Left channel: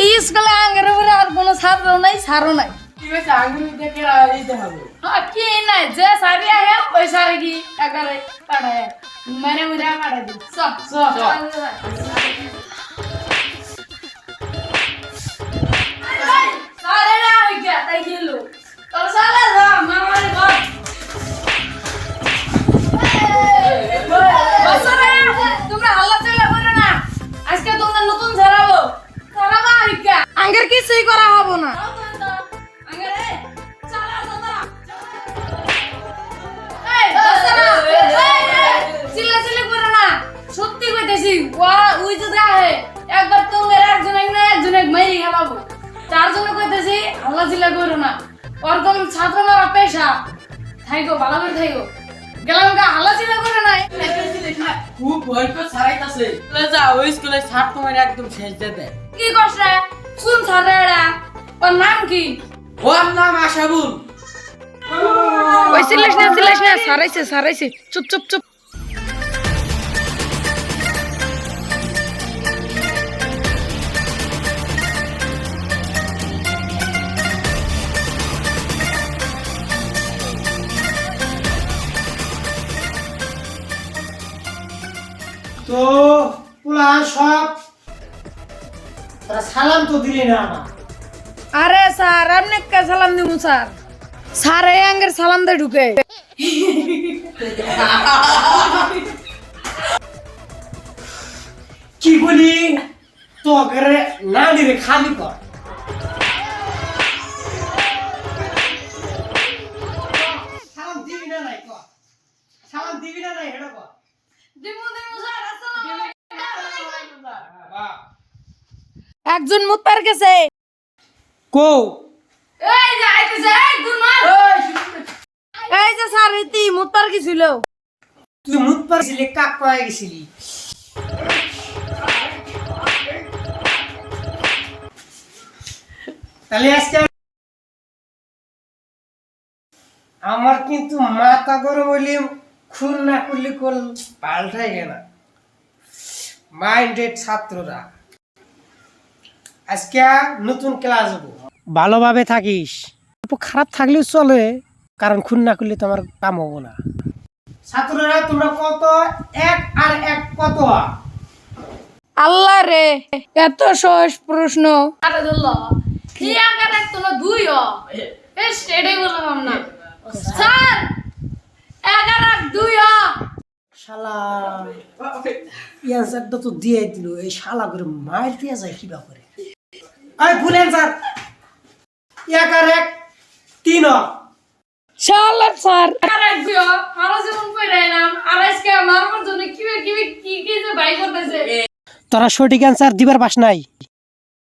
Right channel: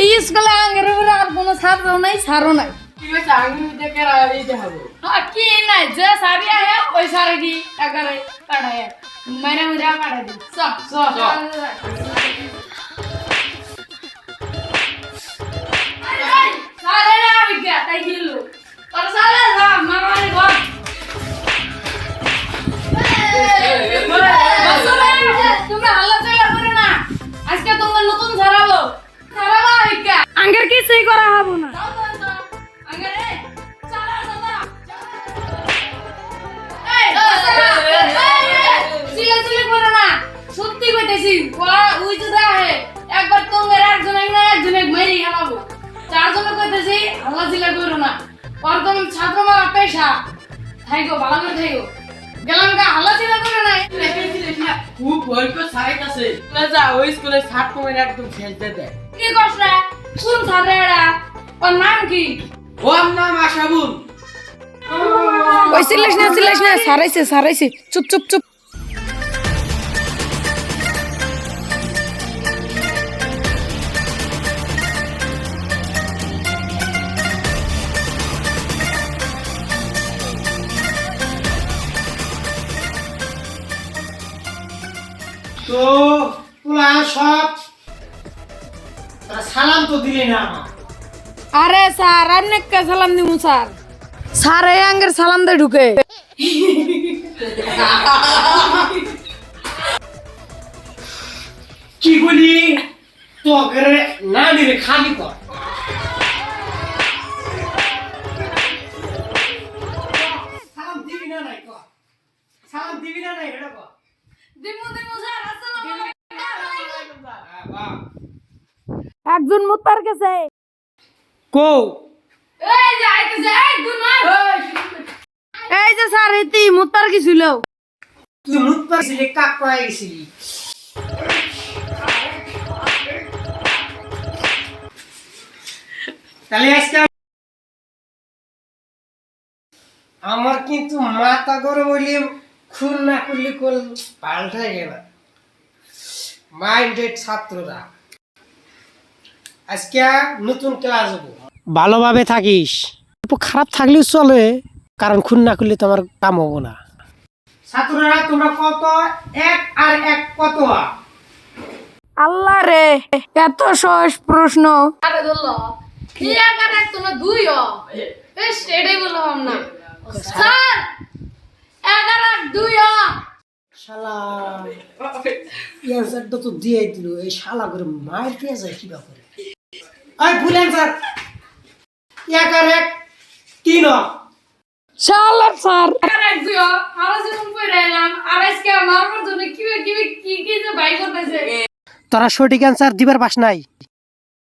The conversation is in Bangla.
এই স্কুলে আঙ্গের উপরে আর কোনো ছাত্র নাই ছাড়ো নাই কি নাই যে সারি আহে ওই সারি দি একেবারে কাটায় মানে উড়া কাটা দি সারে না হইয়া তাই গেলো তোর সারে যা মামারে ঘর বসরে তোমরা হাল্লা চলা করে না আজকে তোমরা নতুন ছাড়াবো হইয়া আঙ্গের কিছুই করা হবো না সত্যি কইতেছি ওই যে দেখে একবার তোমার একজন মাইরি খাবো তার জন্য কইতেছি আল্লাহ চিলা করো না ওর কোন ছাত্র মারা পেশা থাইগো ভালো করে থাইগো গেলাম গা আল্লাহ চিলা করো না খুব ভয় করে ছাড়াইতাছে যা ওই স্কুলে ছাড় তোমার একদম শেষ দিয়ে দেয় কি করছ রে কোন ছাড় রে ওর নাম কি ওর নাম আশাবুল ওই সিলেশ না সারাইছে চুপ চুপ চুপ তো তোলা সব সালাম তো দিলি না আমার আরে স্যার আপনি কে সালাম দিমু স্যার স্যার এই আঙ্গের সালাম দে ঢুকে কি বলি তো না দিলে খালি কর সালাম দিবি না নাই কর সালাম দিবি না নাই এটা কর দিমু স্যার আসসালামু আলাইকুম একজন মুত্তার গেছে কো এই যে আইতেছে এই দুরমান এই যে স্যার এতি মুত্তার কি ছিল তুই মুত পারছিলি কাক পায় গেছিলি তাহলে আজকে আমার কিন্তু মাথা গরম হইলে খুন না করলে কোন পাল্টাই গেল মাইন্ডেড ছাত্ররা আজকে নতুন ক্লাস হবো ভালোভাবে থাকিস খারাপ থাকলেও চলে কারণ খুন না করলে তোমার কাম হবো না ছাত্ররা তোমরা কত এক আর এক কত আল্লাহ রে এত সহজ প্রশ্ন আরে ধরলো হিয়া কার এক তো না দুই এস এটাই বললাম না স্যার 11 আর 2 শালা অ্যান্সারটা তো দিয়ে দিল এই শালা করে মার দিয়ে যায় কি ব্যাপারে আই ভুল অ্যান্সার 1 আর 1 3 শালা স্যার আর এক 2 আর যেমন কইরাইলাম আর আজকে আমার জন্য কি যে ভাই করতেছে তোরা সঠিক অ্যান্সার দিবার পাস নাই